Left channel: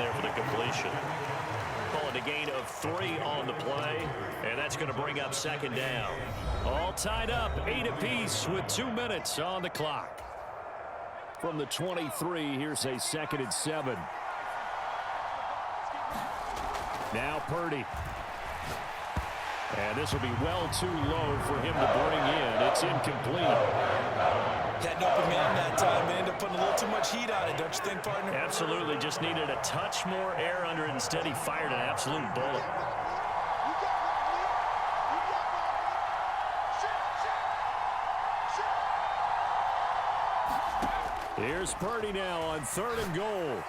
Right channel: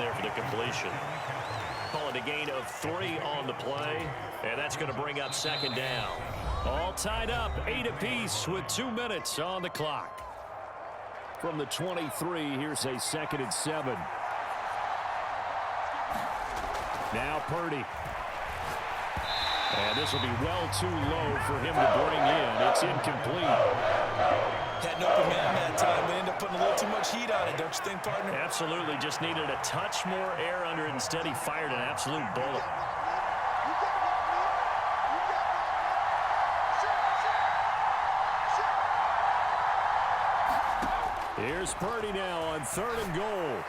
there for the completion. Call it a gain of 3 on the play, and that's going to bring up second down. All tied up, 8 apiece with 2 minutes on the clock. From the 23, here's a 2nd and 7. Now Purdy. And this will be well too low for him to bring in. It's incomplete. Had an open man that time, but ended up putting a little too much heat on it, don't you think, partner? Absolutely. Just needed a touch more air under it. Instead, he fired an absolute bullet. Here's Purdy now on 3rd and goal.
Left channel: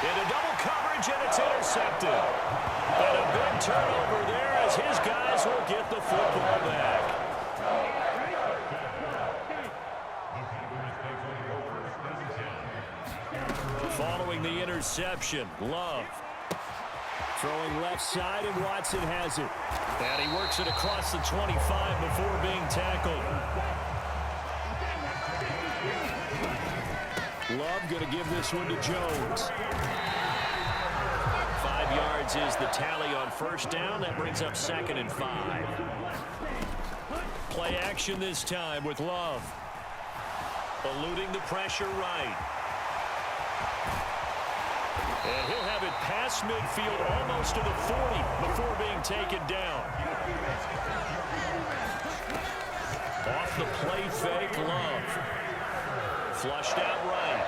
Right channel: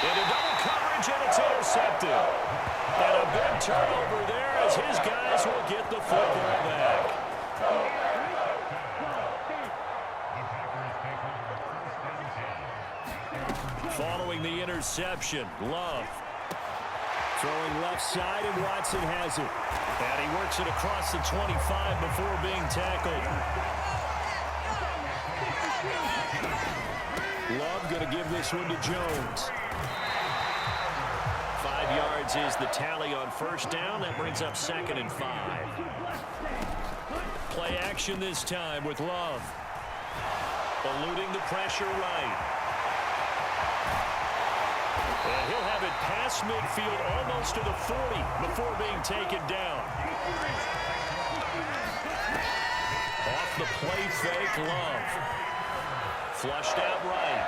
Into double coverage, and it's intercepted. And a big turnover there as his guys will get the football back. Following the interception, Love. Throwing left side, and Watson has it. And he works it across the 25 before being tackled. Love going to give this one to Jones. 5 yards is the tally on first down. That brings up 2nd and 5. Play action this time with Love. Eluding the pressure right. And he'll have it past midfield almost to the 40 before being taken down. Off the play fake, Love. Flushed out right.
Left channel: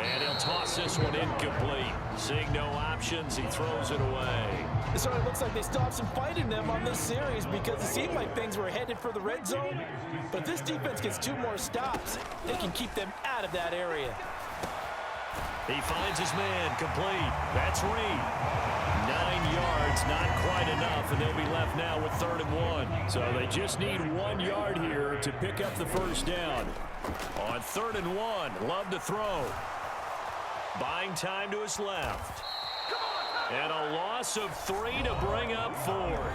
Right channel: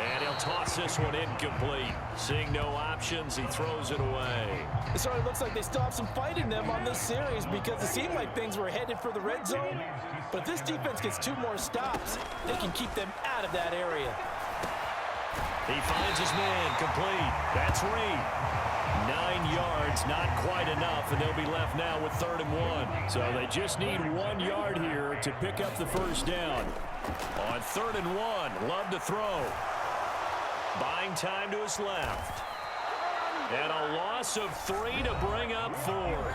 And he'll toss this one incomplete. Seeing no options, he throws it away. It sort of looks like they stopped some fighting them on this series because it seemed like things were headed for the red zone. But if this defense gets 2 more stops, they can keep them out of that area. He finds his man, complete. That's Reed. 9 yards, not quite enough, and they'll be left now with 3rd and 1. So they just need 1 yard here to pick up the first down. On 3rd and 1, Love to throw. Buying time to his left. And a loss of 3 to bring up 4th.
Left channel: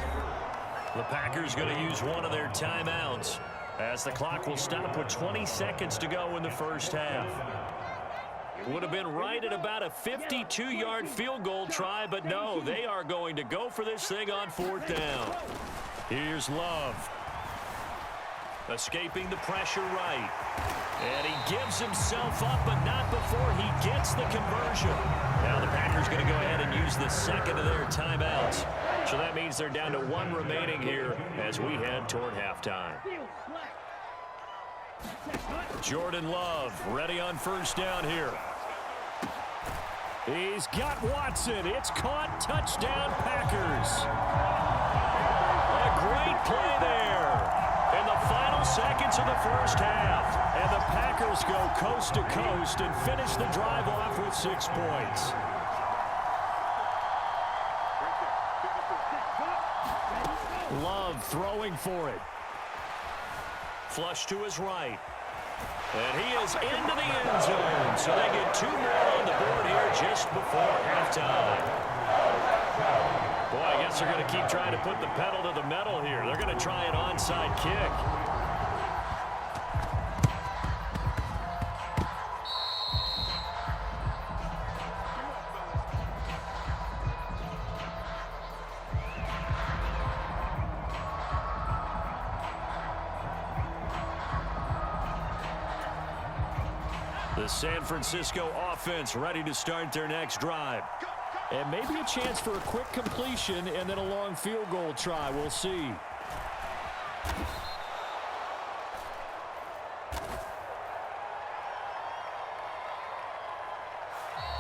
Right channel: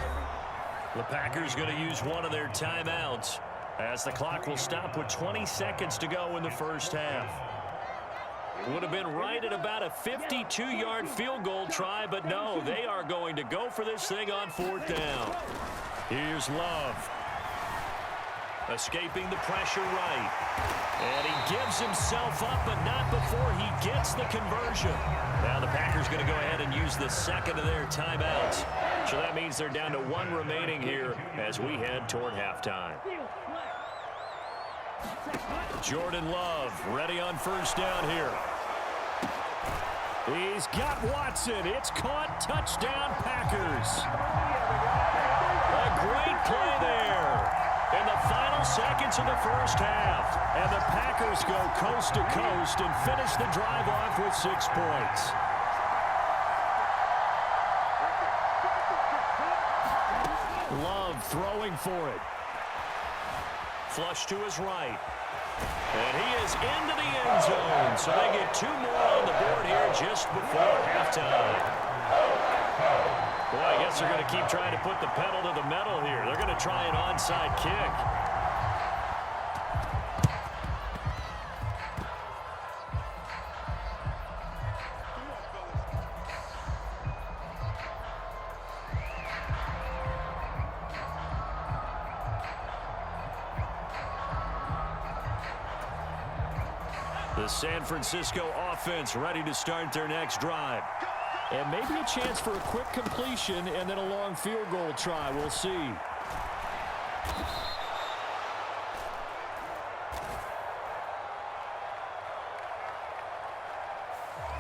The Packers going to use one of their timeouts as the clock will stop with 20 seconds to go in the first half. Would have been right at about a 52-yard field goal try, but no, they are going to go for this thing on 4th down. Here's Love. Escaping the pressure right. And he gives himself up, but not before he gets the conversion. Now the Packers going to go ahead and use the 2nd of their timeouts. So that means they're down to 1 remaining here as we head toward halftime. Jordan Love ready on first down here. He's got Watson. It's caught. Touchdown, Packers. A great play there in the final seconds of the first half. And the Packers go coast to coast and finish the drive off with 6 points. Love throwing for it. Flush to his right. And he is into the end zone. So they get 2 more on the board here just before halftime. Boy, I guess they're going to keep trying to put the pedal to the metal here. They're going to try an onside kick. The San Francisco offense ready to start their next drive. And maybe a chance for a quick completion and then a long field goal try. We'll see.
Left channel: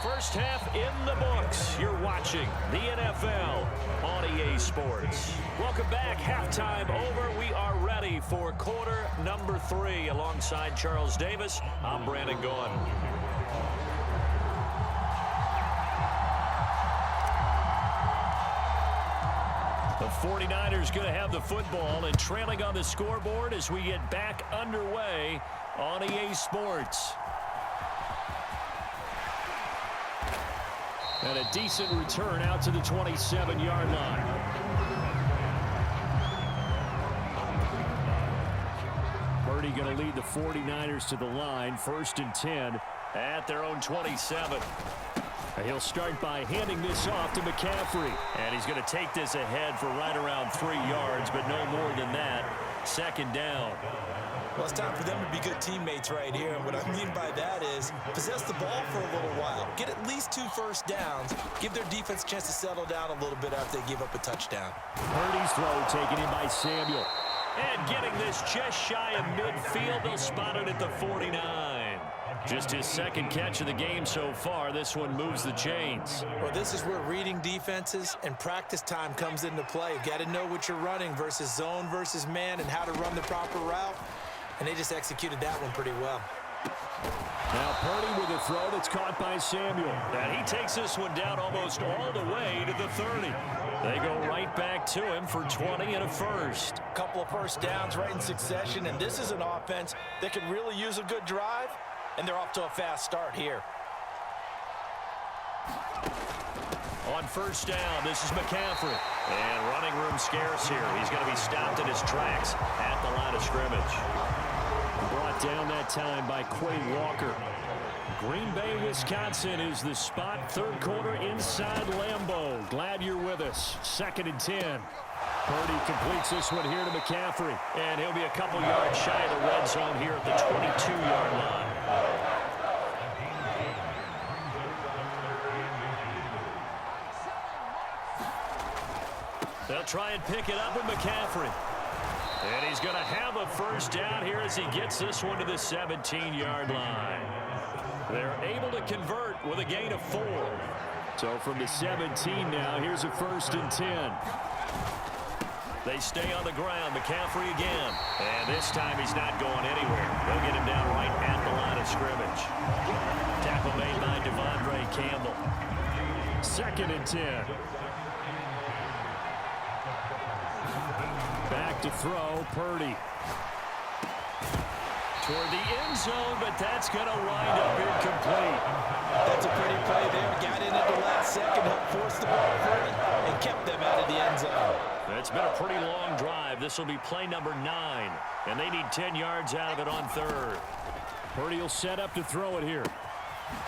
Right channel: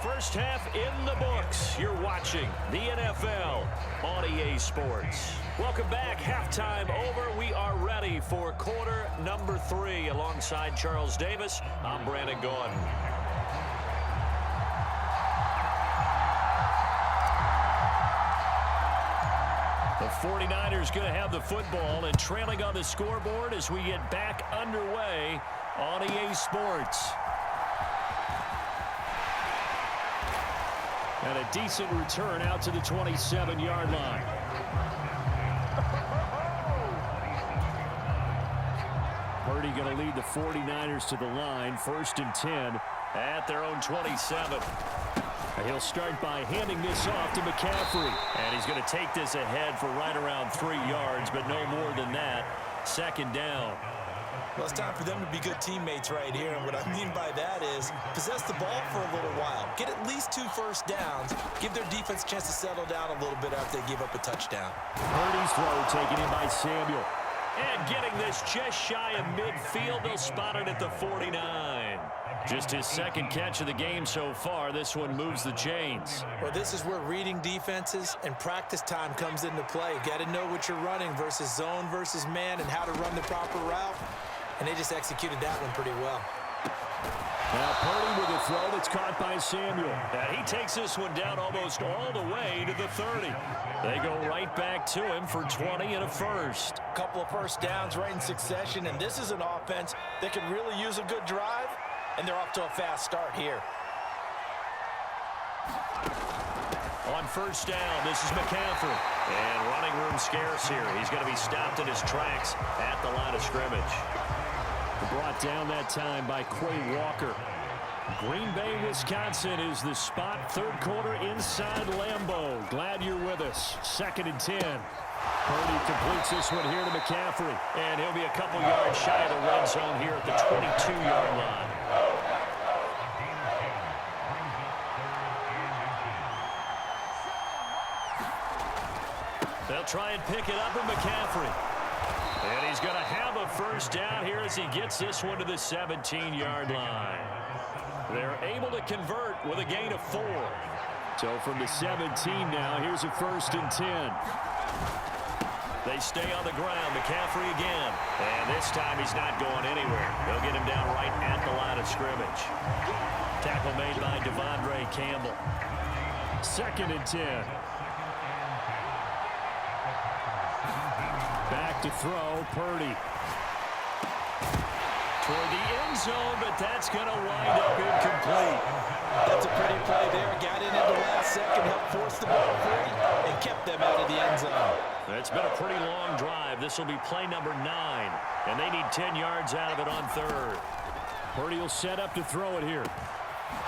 First half in the books. You're watching the NFL on EA Sports. Welcome back. Halftime over. We are ready for quarter number 3. Alongside Charles Davis, I'm Brandon Gaudin. The 49ers going to have the football and trailing on the scoreboard as we get back underway on EA Sports. And a decent return out to the 27-yard line. Purdy going to lead the 49ers to the line. 1st and 10 at their own 27. He'll start by handing this off to McCaffrey. And he's going to take this ahead for right around 3 yards, but no more than that. Second down. Well, it's time for them to be good teammates right here. And what I mean by that is possess the ball for a little while. Get at least 2 first downs. Give their defense a chance to settle down a little bit after they give up a touchdown. Purdy's throw taken in by Samuel. And getting this just shy of midfield. They'll spot it at the 49. Just his second catch of the game so far. This one moves the chains. Well, this is where reading defenses and practice time comes into play. You've got to know what you're running versus zone versus man and how to run the proper route. And they just executed that one pretty well. Now Purdy with a throw that's caught by Samuel. And he takes this one down almost all the way to the 30. They go right back to him for 20 and a first. Couple of first downs right in succession, and this is an offense that could really use a good drive, and they're off to a fast start here. On first down, this is McCaffrey. And running room scarce here. He's going to be stopped in his tracks at the line of scrimmage. Brought down that time by Quay Walker. Green Bay, Wisconsin is the spot. Third quarter inside Lambeau. Glad you're with us. 2nd and 10. Purdy completes this one here to McCaffrey. And he'll be a couple yards shy of the red zone here at the 22-yard line. They'll try and pick it up with McCaffrey. And he's going to have a first down here as he gets this one to the 17-yard line. They're able to convert with a gain of 4. So from the 17 now, here's a 1st and 10. They stay on the ground. McCaffrey again. And this time he's not going anywhere. They'll get him down right at the line of scrimmage. Tackle made by Devondre Campbell. 2nd and 10. Back to throw, Purdy. Toward the end zone, but that's going to wind up incomplete. That's a pretty play there. Got in at the last second, helped force the ball free, and kept them out of the end zone. It's been a pretty long drive. This will be play number 9, and they need 10 yards out of it on 3rd. Purdy will set up to throw it here.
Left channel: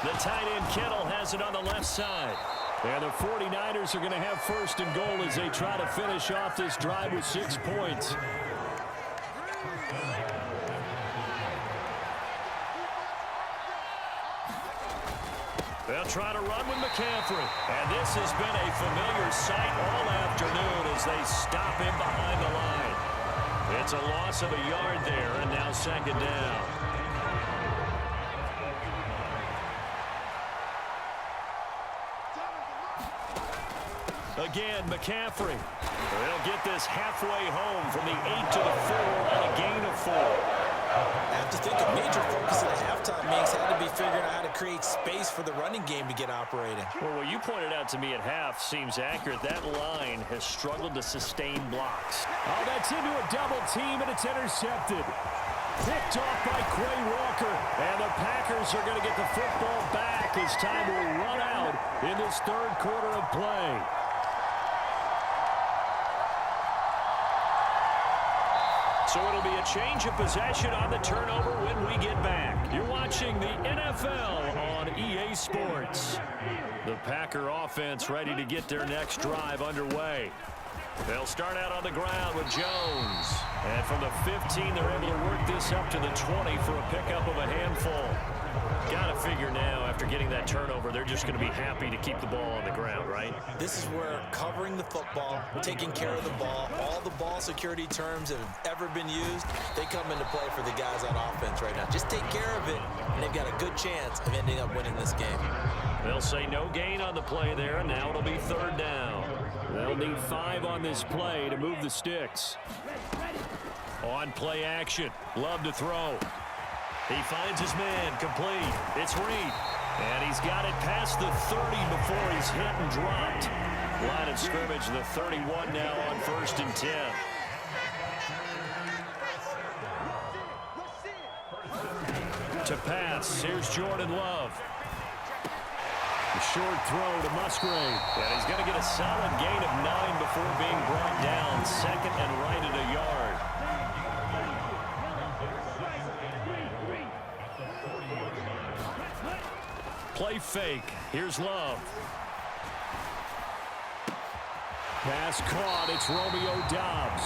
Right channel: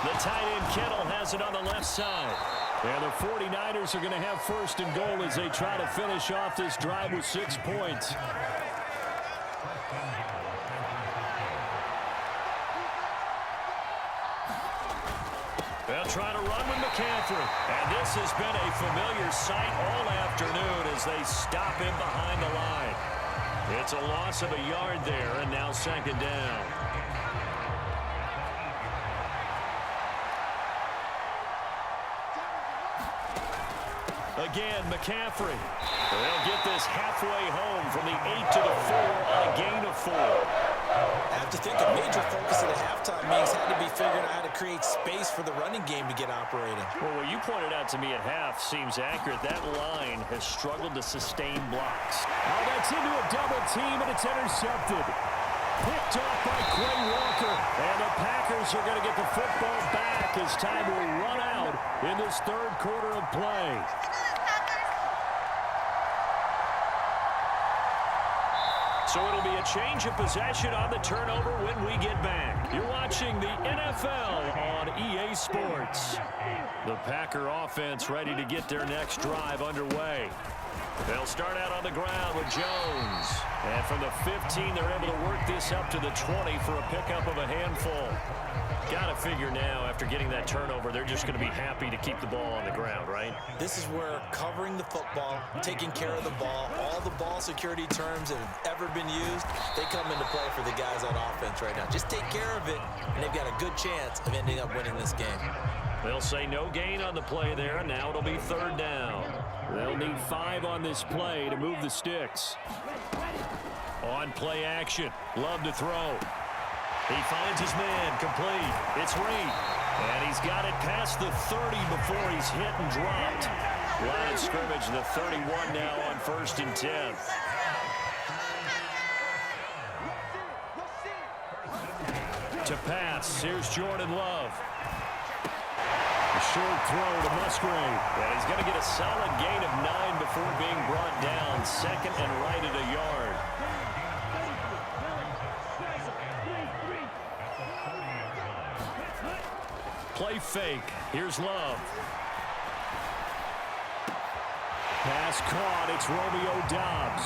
The tight end Kittle has it on the left side. And the 49ers are going to have 1st and goal as they try to finish off this drive with 6 points. They'll try to run with McCaffrey. And this has been a familiar sight all afternoon as they stop him behind the line. It's a loss of a yard there, and now 2nd down. Again, McCaffrey. They'll get this halfway home from the 8 to the 4 on a gain of 4. I have to think a major focus of the halftime meetings had to be figuring out how to create space for the running game to get operating. Well, what you pointed out to me at half seems accurate. That line has struggled to sustain blocks. Oh, that's into a double team, and it's intercepted. Picked off by Quay Walker. And the Packers are going to get the football back as time will run out in this 3rd quarter of play. So it'll be a change of possession on the turnover when we get back. You're watching the NFL on EA Sports. The Packer offense ready to get their next drive underway. They'll start out on the ground with Jones. And from the 15, they're able to work this up to the 20 for a pickup of a handful. Got to figure now, after getting that turnover, they're just going to be happy to keep the ball on the ground, right? This is where covering the football, taking care of the ball, all the ball security terms that have ever been used, they come into play for the guys on offense right now. Just take care of it, and they've got a good chance of ending up winning this game. They'll say no gain on the play there, and now it'll be 3rd down. They'll need 5 on this play to move the sticks. On play action, Love to throw. He finds his man, complete. It's Reed. And he's got it past the 30 before he's hit and dropped. Line of scrimmage, the 31 now on 1st and 10. To pass, here's Jordan Love. A short throw to Musgrave. And he's going to get a solid gain of 9 before being brought down. 2nd and right at a yard. Play fake. Here's Love. Pass caught. It's Romeo Doubs.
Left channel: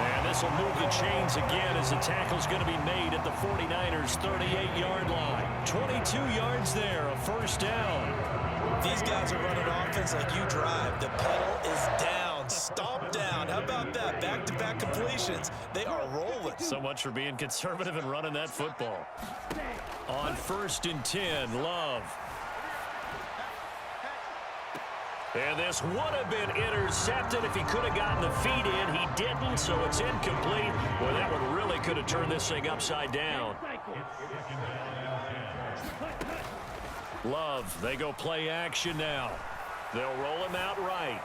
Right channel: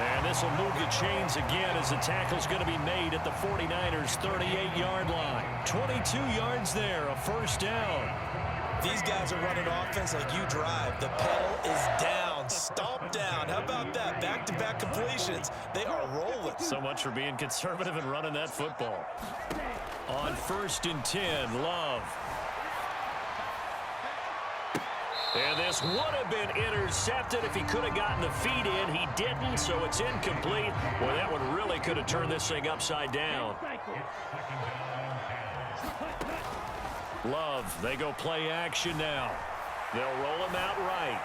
And this will move the chains again as the tackle's going to be made at the 49ers' 38-yard line. 22 yards there, a first down. These guys are running offense like you drive. The pedal is down, stomp down. How about that? Back-to-back completions. They are rolling. So much for being conservative and running that football. On 1st and 10, Love. And this would have been intercepted if he could have gotten the feet in. He didn't, so it's incomplete. Well, that one really could have turned this thing upside down. Love, they go play action now. They'll roll him out right.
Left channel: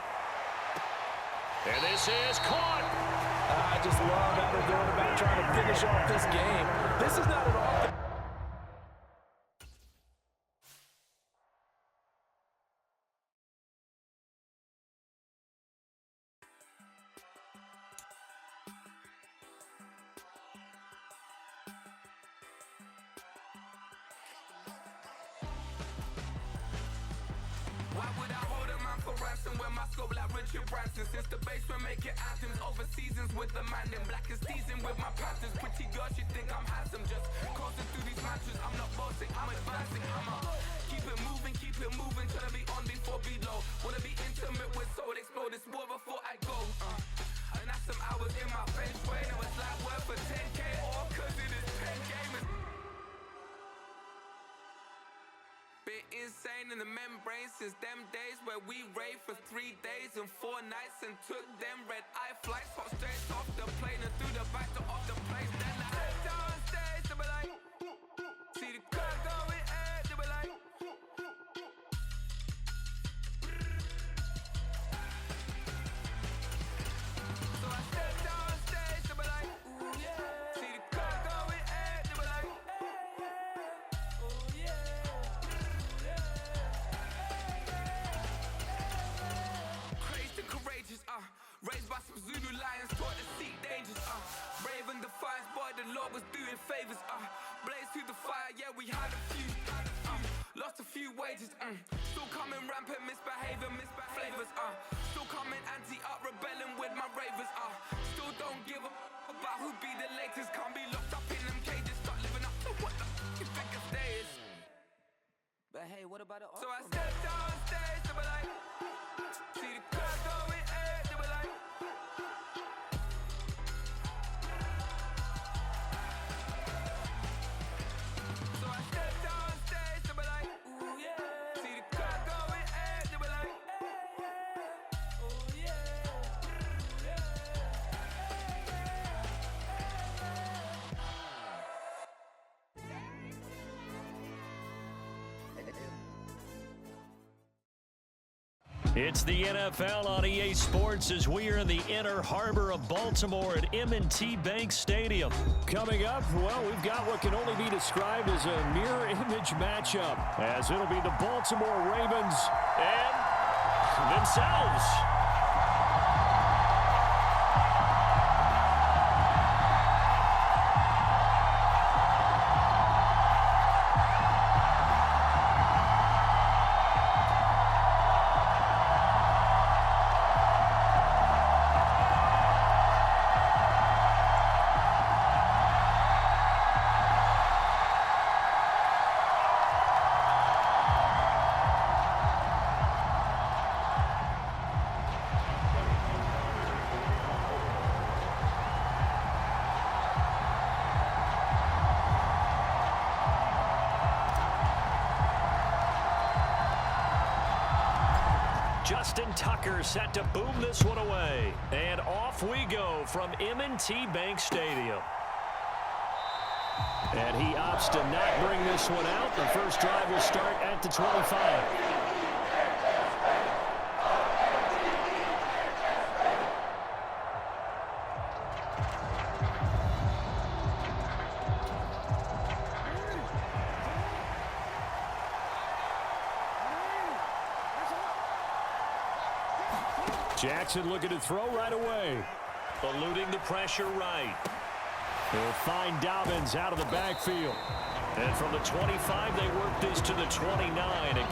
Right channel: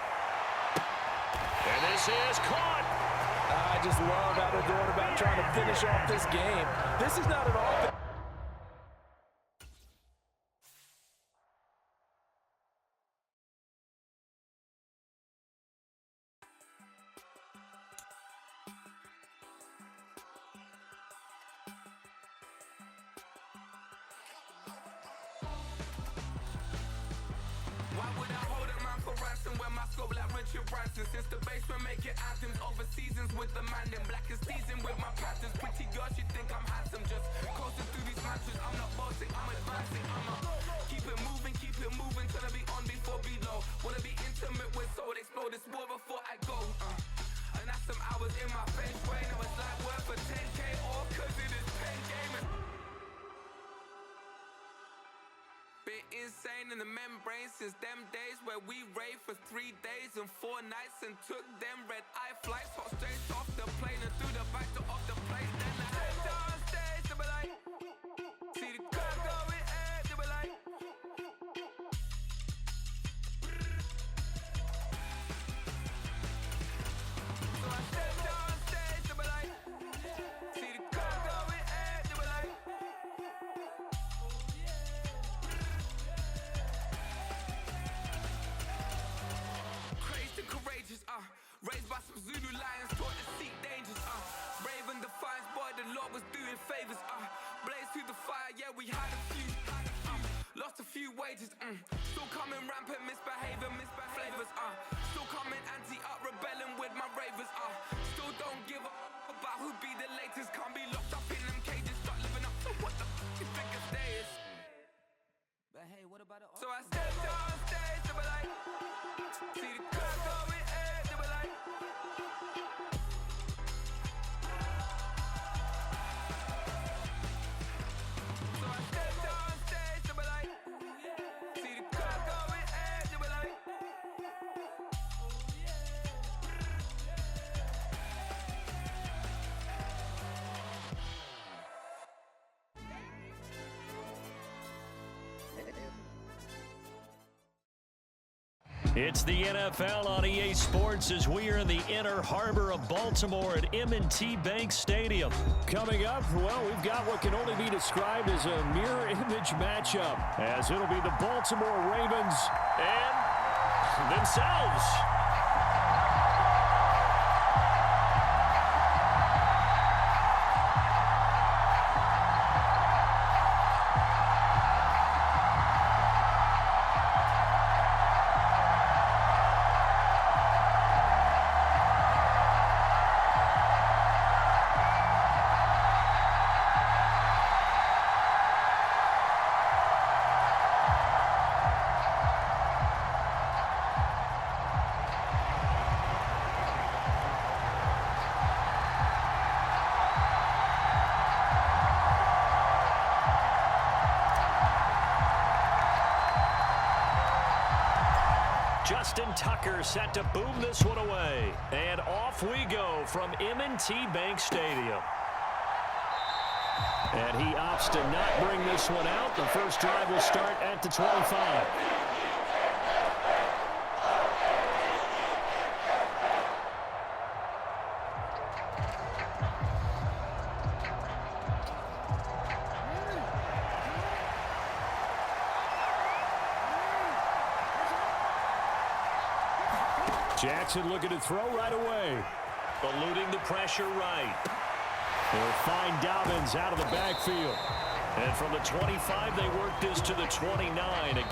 And this is caught. I just love how they're going about trying to finish off this game. This is not an offense. Why would I hold a man for ransom when my scope like Richard Branson? Since the basement making anthems over seasons with the man in black is teasing with my patterns. Pretty girl, she think I'm handsome. Just coasting through these mantras. I'm not bossing, I'm advancing. Keep it moving, trying to be on before below. Wanna be intimate with soul, explode this war before I go. And that's some hours in my feng shui. Now it's like work for 10K all cause it is pen gaming. Been insane in the membrane since them days where we raved for 3 days and 4 nights and took them red-eye flights, hot straight off the plane and through the back door of the place. Then I head down stage, they were like, see the crowd going air, they were like, so I stepped down stage, they were like, see the crowd going air, they were like, crazed and courageous, raised by some Zulu lions, taught to seek dangers, brave and defiant, boy, the Lord was doing favors, blaze through the fire, yeah, we had a few, lost a few wages, still coming rampant, misbehaving, flavors, still coming anti-up, rebelling with my ravers, still don't give a about who be the latest, can't be locked up in them cages, start living up to what the you think a day is. But hey, what about it? So I stepped on stage, they were like, see the crowd going air, they were like, so I stepped on stage, they were like, ooh yeah, see the crowd going air, they were like, oh yeah, It's the NFL on EA Sports as we are in the inner harbor of Baltimore at M&T Bank Stadium. Coming up, well, we've got what can only be described as a mirror image matchup, as it'll be the Baltimore Ravens and themselves. Justin Tucker set to boom this one away. And off we go from M&T Bank Stadium. And he opts to not bring this one out. The first drive will start at the 25. Jackson looking to throw right away. Eluding the pressure right. He'll find Dobbins out of the backfield. And from the 25, they work this to the 29. Again.